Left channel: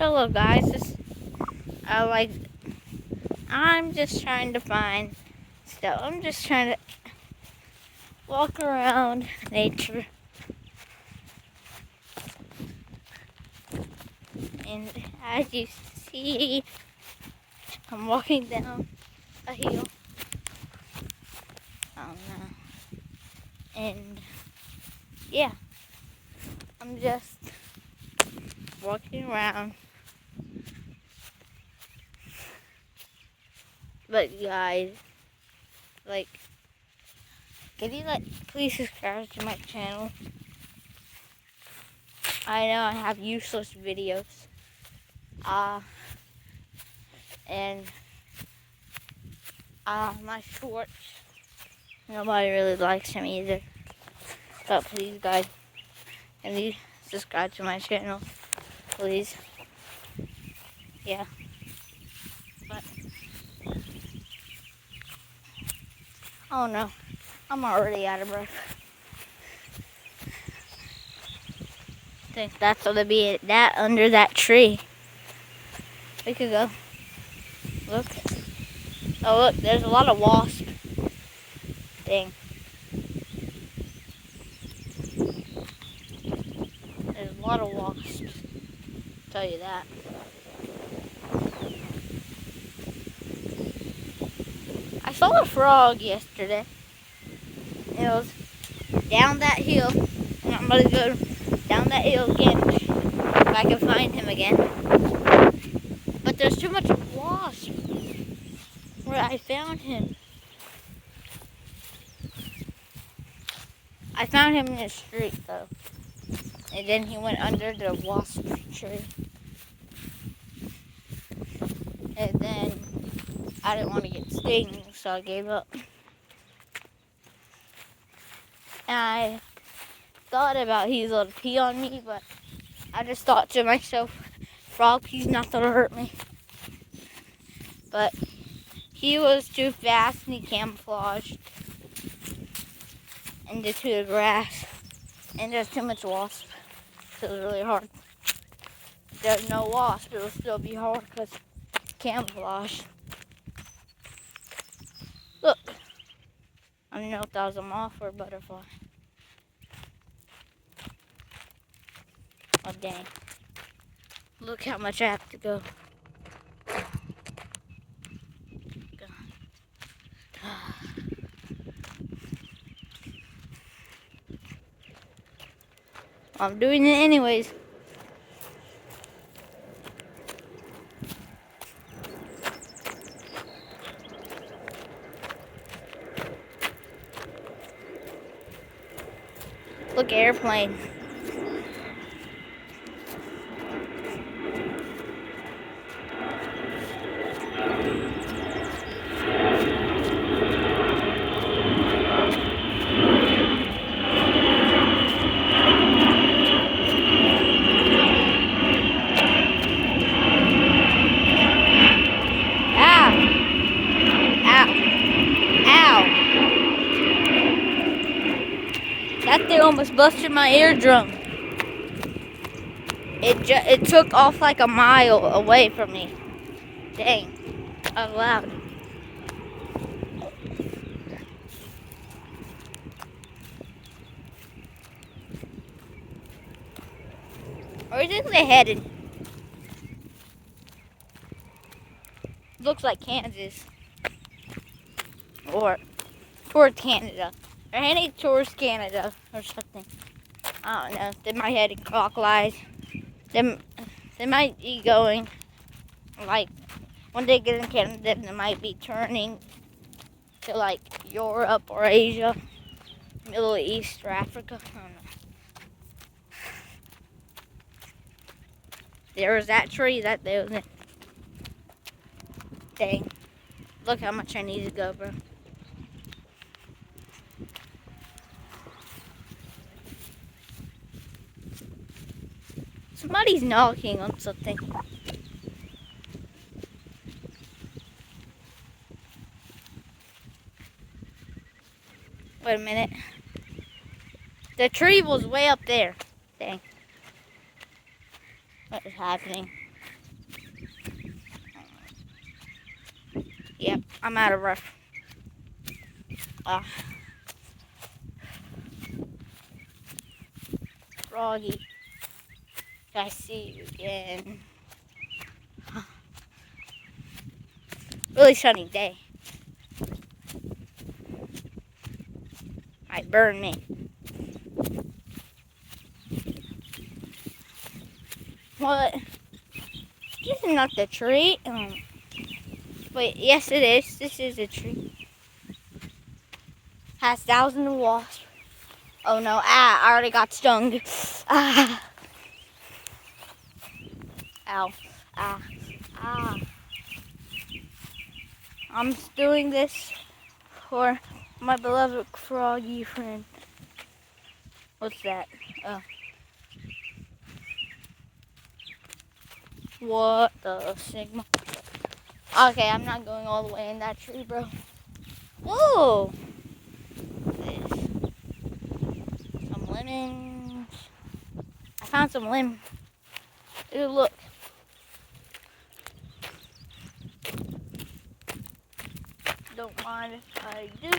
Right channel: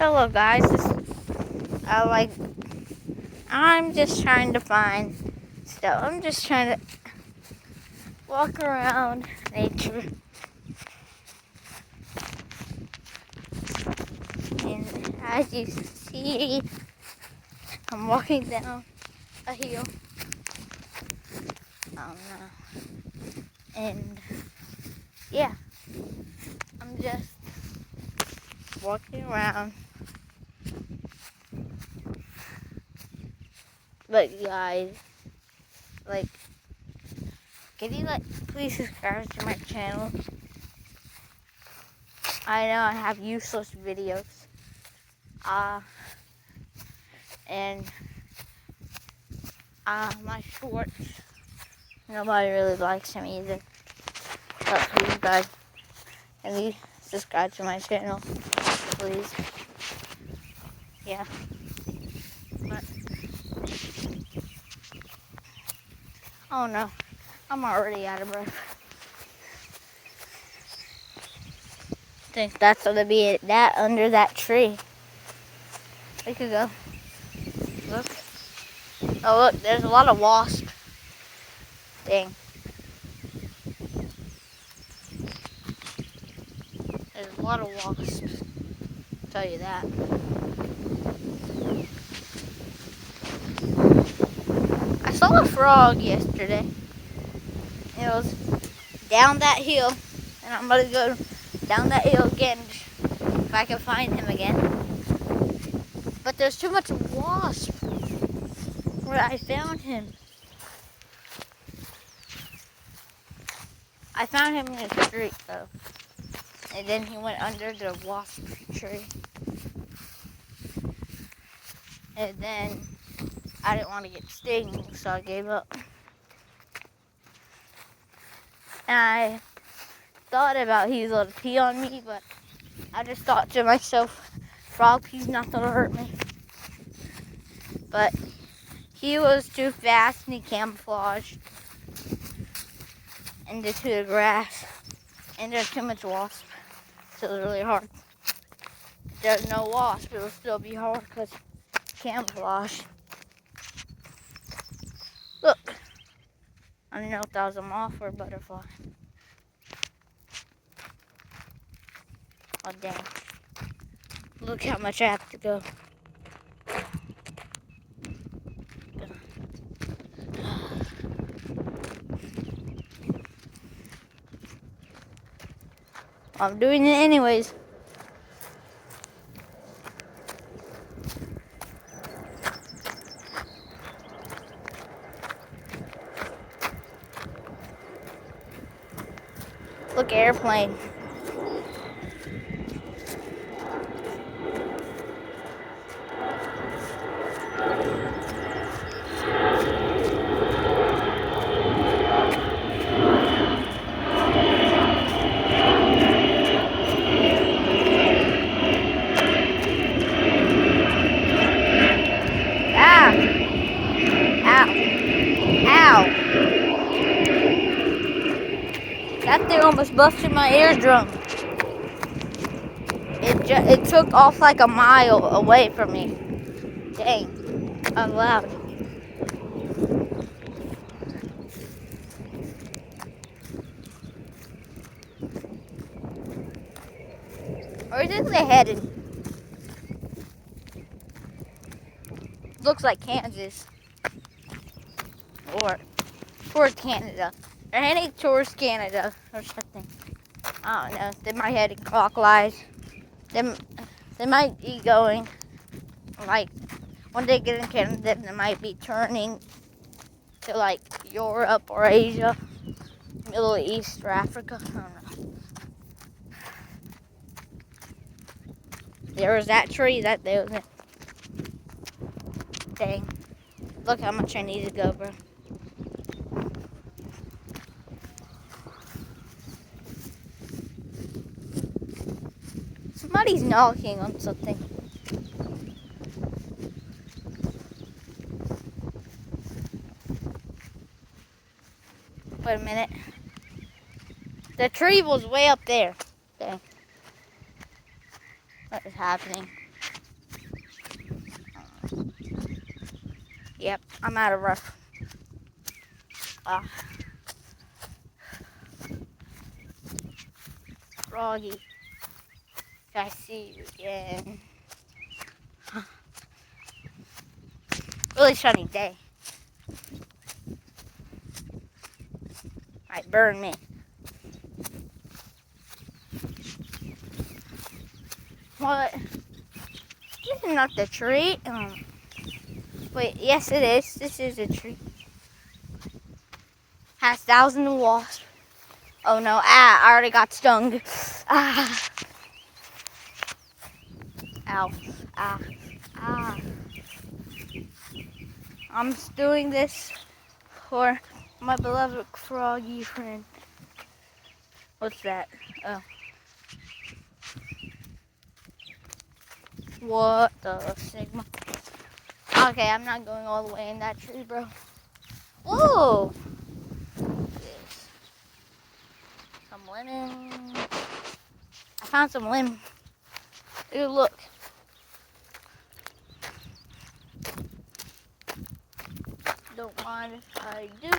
Hello guys, I'm just trying to find stuff. I'm just trying to walk around nature. And as you see, I'm walking down a hill. Oh no. And yeah, I'm just walking around. But guys, can you please subscribe to my channel? I know I have useless videos. And my shorts, nobody really likes them either. But please guys, can you subscribe to my channel, please? Yeah. But oh no, I'm already out of breath. I think that's gonna be that under that tree. We could go. Look. Oh look, there's a lot of wasps. Dang. There's a lot of wasps. I'll tell you that. I saw a frog yesterday. It was down that hill, and I'm gonna go down that hill again if I can find him again. But there's too much wasp where I found him. I found him in the street though, and then he went under the wasp tree. And then I didn't want to get stung, so I gave up. And I thought about he was going to pee on me, but I just thought to myself, frog pee's not going to hurt me. But he was too fast and he camouflaged into the grass. And there's too much wasp, so it was really hard. If there's no wasp, it will still be hard because camouflage. Look, I don't know if that was a moth or a butterfly. Oh dang. Look how much I have to go. I'm doing it anyways. Look, airplane. Ah! Ow! Ow! That thing almost busted my eardrum. It took off like a mile away from me. Dang. I'm loud. Where is it headed? Looks like Kansas. Or towards Canada. They're heading towards Canada or something. I don't know. They might head clockwise. They might be going, like, when they get in Canada, they might be turning to, like, Europe or Asia, Middle East or Africa. I don't know. There was that tree that they was in. Dang. Look how much I need to go, bro. Somebody's knocking on something. Wait a minute. The tree was way up there. Dang. What is happening? Yep, I'm out of rough. Oh. Froggy, I see you again. Really sunny day. Might burn me. What? This is not the tree. Wait, yes it is. This is a tree. Has thousands of wasps. Oh no, I already got stung. Ah. Ow. Ah. I'm doing this for my beloved froggy friend. What's that? Oh. What the Sigma? Okay, I'm not going all the way in that tree, bro. Whoa! This. Some lemon. I found some lemon. Ooh, look. Don't mind if I do.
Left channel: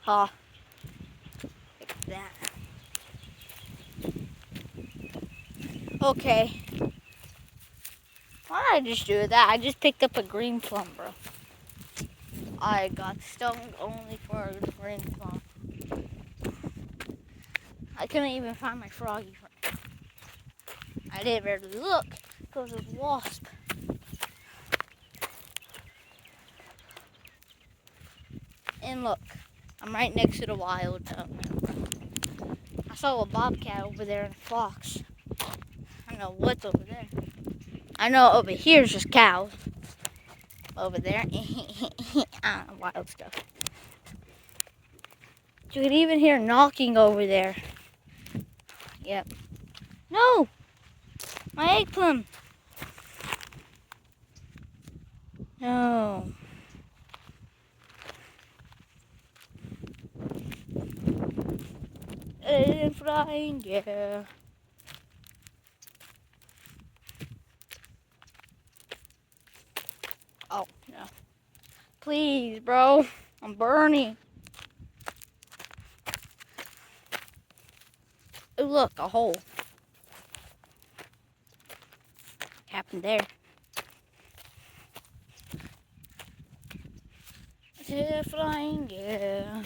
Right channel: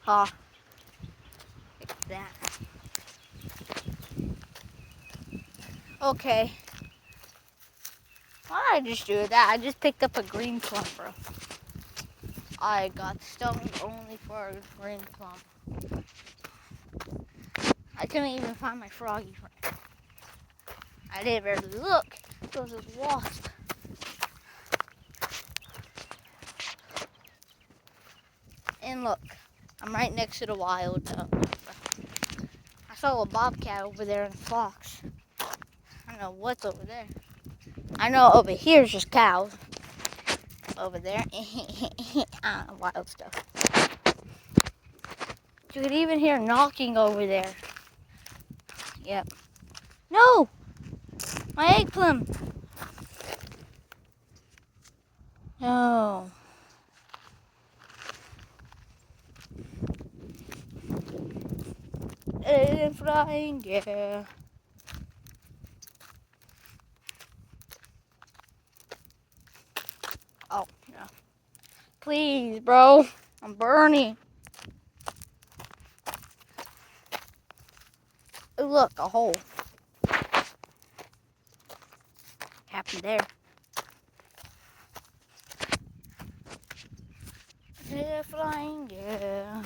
Ha. Like that. Okay. Why did I just do that? I just picked up a green plum, bro. I got stoned only for a green plum. I couldn't even find my froggy friend. I didn't really look. There was a wasp. And look, I'm right next to the wild. I saw a bobcat over there and a fox. I don't know what's over there. I know over here is just cows. Over there, wild stuff. You could even hear knocking over there. Yep. No! My egg plum! No. And flying, yeah. Oh, no. Please, bro. I'm burning. Oh, look, a hole. Happened there. Yeah, flying, yeah.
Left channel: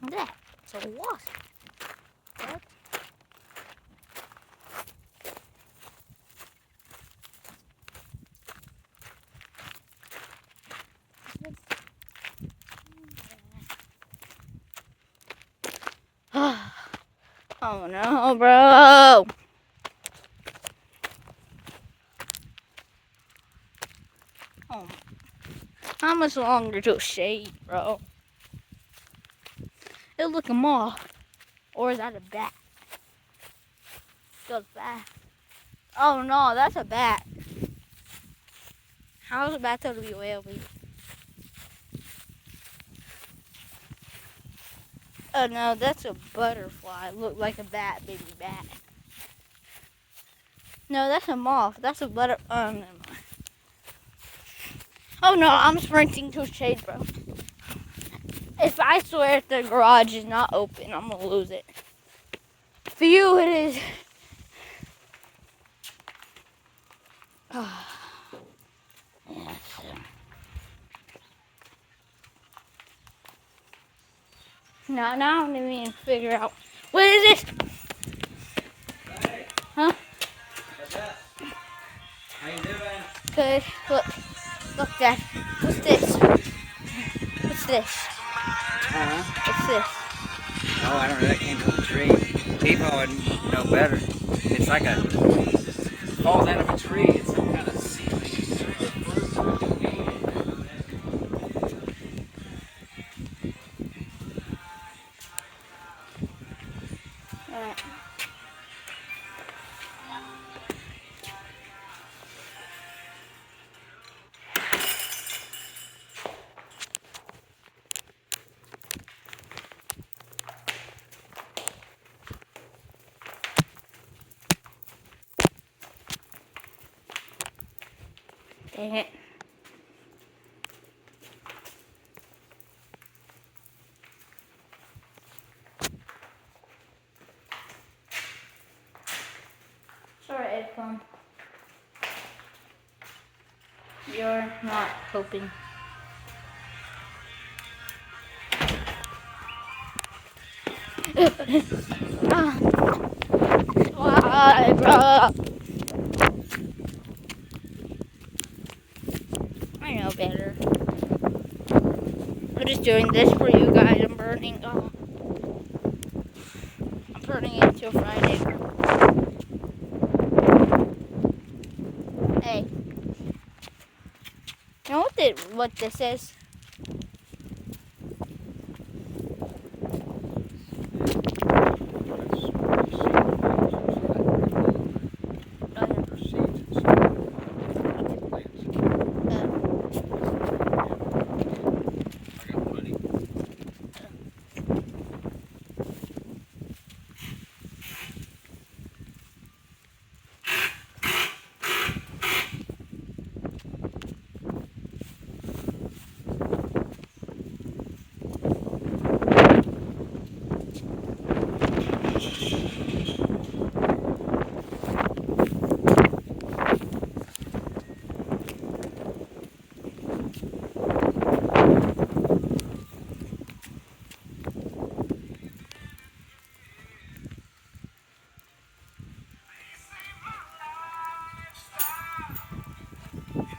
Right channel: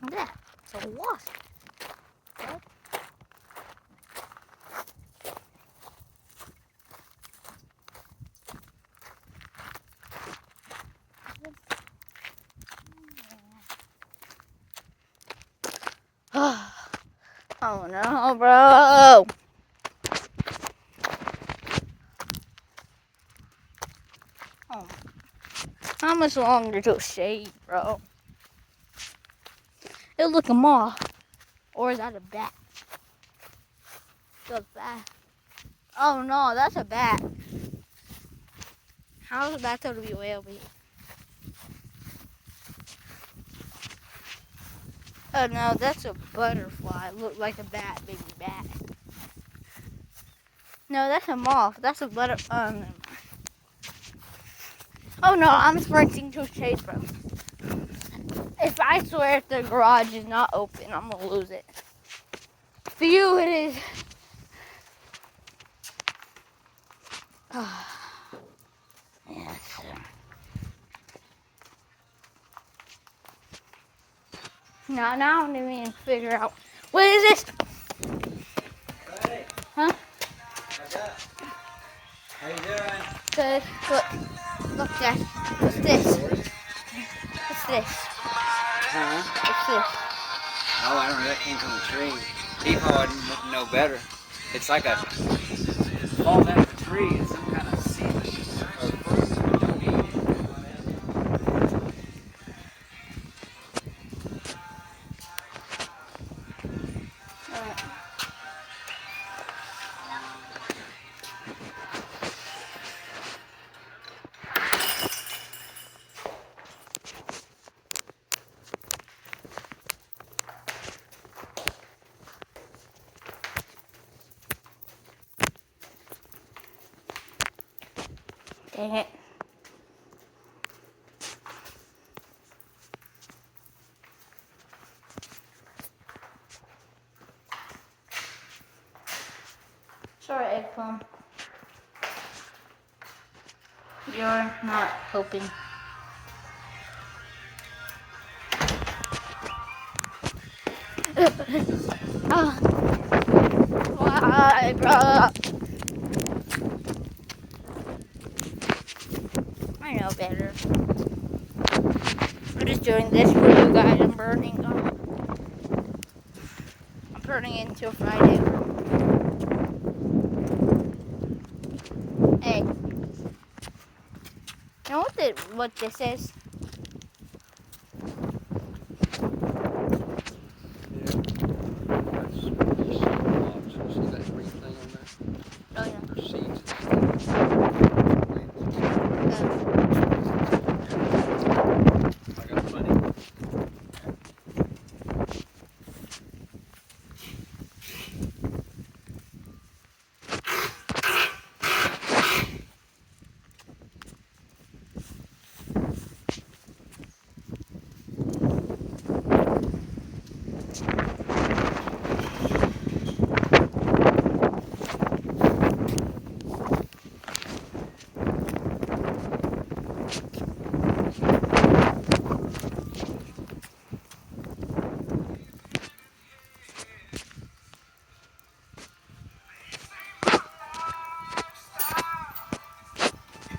What's that? It's a wasp. What? Oh no, bro. Oh, how much longer to shade, bro? It look a moth. Or is that a bat? Feels bad. Oh no, that's a bat. How's a bat to be way over here? Oh no, that's a butterfly. Look like a bat, baby bat. No, that's a moth. That's a butterfly. Oh, never mind. Oh no, I'm sprinting to shade, bro. If I swear if the garage is not open, I'm gonna lose it. For you, it is. Yes. Now I don't even figure out. What is this? Hey. Huh? What's up? How you doing? Good. Look, Dad. What's this? What's this? Huh? What's this? Oh, I don't know. That came from a tree. People would know better. It's like a falls out of a tree. It's some kind of seed or fruit. Alright. Dang it. Sorry, Eggplum. You're not hoping. Ah. Why, bro? I know better. I'm just doing this for you guys. I'm burning it until Friday. Hey. You know what this is? Oh,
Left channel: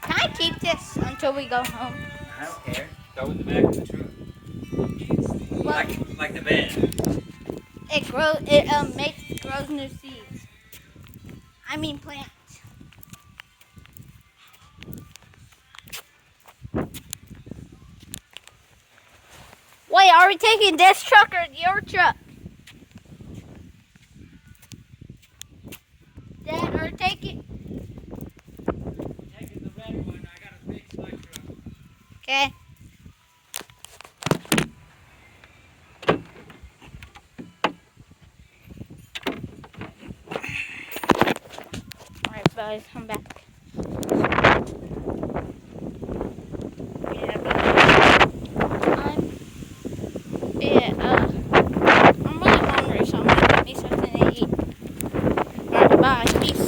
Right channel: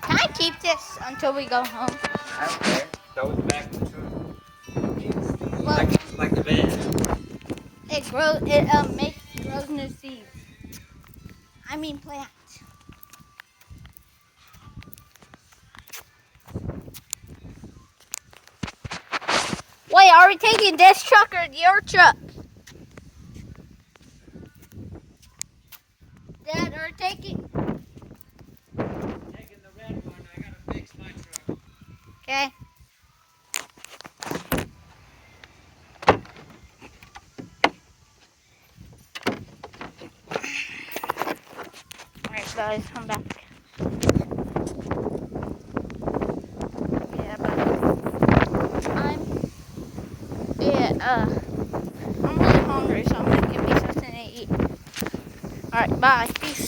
Can I keep this until we go home? I don't care. Throw it in the back of the truck. Well, Like the van. it grows new seeds. I mean plants. Wait, are we taking this truck or your truck? Dad, or take it. Taking the red one, I gotta fix my truck. Okay. Alright guys, I'm back. I'm really hungry, so I'm gonna get something to eat. Alright, bye. Peace.